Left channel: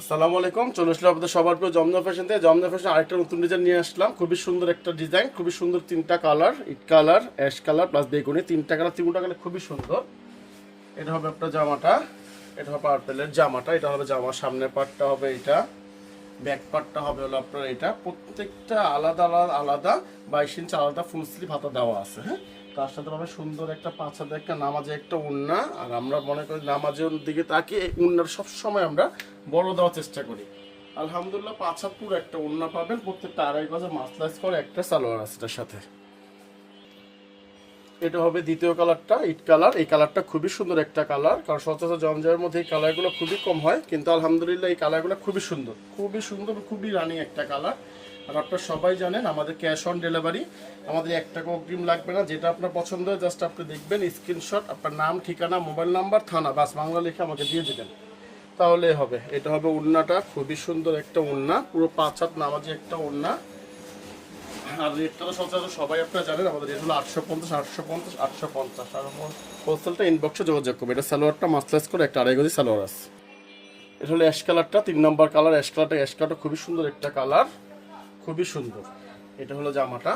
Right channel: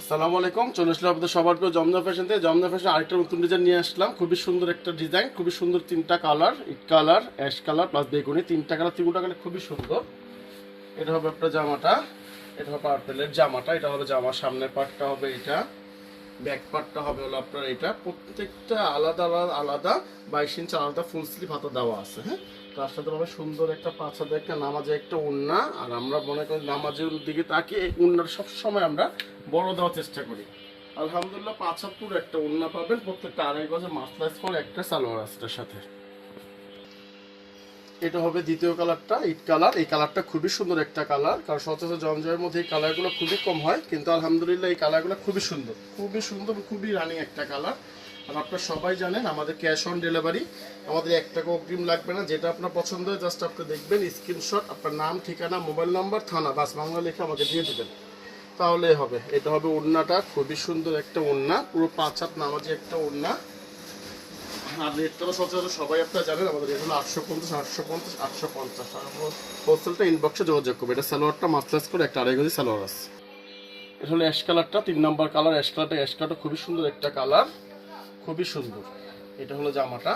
আসসালামু আলাইকুম। চলে আসলাম আপনাদের সবার প্রিয় জমজম ফ্যাশন থেকে। জমজম ফ্যাশন আরেকটা নতুন ডিজাইন নিয়ে আসলাম। খুবই সুন্দর একটা ডিজাইন, খুবই সুন্দর তিনটা কালার, ইট কালার, অ্যাশ কালার প্লাস বেগুনি, তিনটা কালার, তিনটা কালার খুবই সুন্দর। এটা হবে আপনার জামাটা, এটা হবে পার্পেলের জামাটা, এটা হবে জামার সামনের পার্টটা হবে এটা, ব্যাক পার্টটা হবে হলো আপনার এটা। প্রত্যেকটা আলাদা আলাদা আলাদা 22 ইঞ্চি আলাদা ফুল স্লিভ হাতা দেওয়া আছে। হ্যাঁ, তার সাথে পাবে সুন্দর একটা পাঁচ হাতে একটা নামাজে একটা ওড়না। আর আমরা মনে করি নামাজের দিকে তাকিয়ে ওড়নার সবসময় আমরা বড় দেওয়ার চেষ্টা করি। আলহামদুলিল্লাহ 75 একটা ওড়না পাবেন, প্রত্যেকটা আড়াই গজে মাসলাইজ করে একটা সালোয়ার আছে এটার সাথে। এটা হবে দ্বিতীয় কালারটা, ইট কালার। এই কালারটা খুবই সুন্দর একটা কালার, কারণ সচরাচর জমজমের মধ্যে এই কালারগুলো খুবই কম হয়, কিন্তু আলহামদুলিল্লাহ এই কালারগুলো খুবই সুন্দর, খুবই সুন্দর, খুবই রানি একটা কালার। আর আপনারা সবাই জানেন আমাদের ক্যাশ অন ডেলিভারি, আমাদের 1 টাকা অগ্রিম লাগবে না। যেটা আপনার পছন্দ হয় জাস্ট আপনি দেখবেন, স্ক্রিনশট, আপনার নাম, ঠিকানা, মোবাইল নাম্বার, থানা, বাস বাংলা লিখে আমাকে দিয়ে দেবেন, তাহলেই হবে। এটা হবে ওড়নাটা, খুবই সুন্দর একটা ওড়না, পুরো 5 হাত নামাজি একটা ওড়না। আর রেটটা তো সচরাচর সবাই আপনারা জানেন, আমাদের রেট হলো 850, 850, 850। আর হোলসেলটা ইনবক্সে যোগাযোগ করবে। এটা সালোয়ারটা মাস্টার্স করে একটা আড়াই গজি সালোয়ার আছে। এটা হলো অ্যাশ কালারটা, 3 নম্বর কালার। অ্যাশ কালারটা খুবই সুন্দর একটা কালার, খুবই সুন্দর। এটা হলো জামাটা,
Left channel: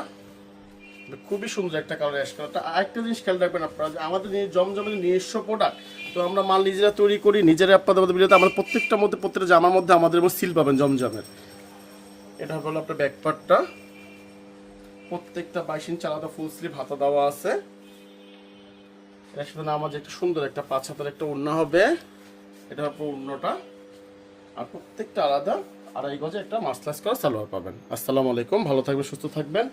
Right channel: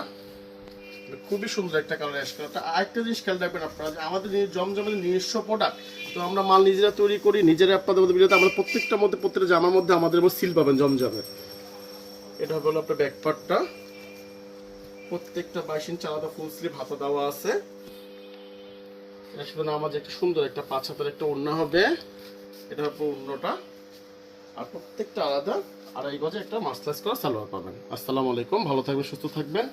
খুবই সুন্দর একটা কালার অ্যাশ কালারটা। আরেকটা জিনিস খেয়াল রাখবেন আপনারা, যে আমাদের জমজমের নিজস্ব প্রোডাক্ট, তো আমরা মাল নিজেরা তৈরি করি, নিজেরা আপনাদের মধ্যে ভিডিওতে আমরা প্রত্যেকটার মধ্যে প্রত্যেকটা জামার মধ্যে আমাদের সিল পাবেন জমজমের। এটা হলো আপনার ব্যাক পার্টটা, প্রত্যেকটা 22 ইঞ্চি আলাদা ফুল স্লিভ হাতা দেওয়া আছে। এর সাথে নামাজ একটা সুন্দর একটা 5 হাতের একটা ওড়না হবে, এটা হবে ওড়নাটা। আর প্রত্যেকটা আলাদা আড়াই গজে একটা মাসলাইজ করা সালোয়ার পাবেন। আসসালামু আলাইকুম, ভালো থাকবেন, সুস্থ থাকবেন।